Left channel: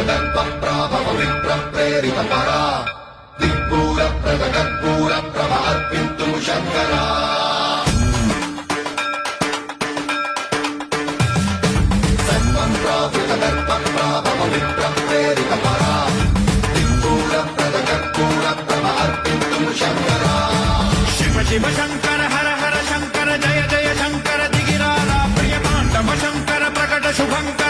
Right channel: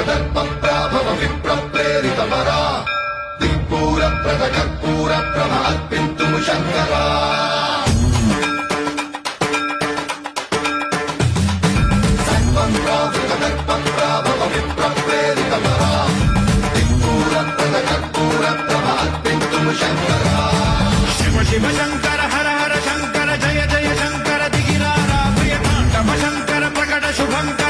ప్రాభవ విప్ర ప్రేరిత పరా దిక్పూర ప్రదకర్పూర ప్రభ అర్పింతుము శంకరా ప్రాభవ విప్ర ప్రేరిత పరా దిక్పూర ప్రదకర్పూర ప్రభ అర్పింతుము శంకరా శివ శివ శంకర హర హర శంకర జయ జయ శంకర దిగిరారా భయ తాండవ శంకర ప్రకట శుభంకర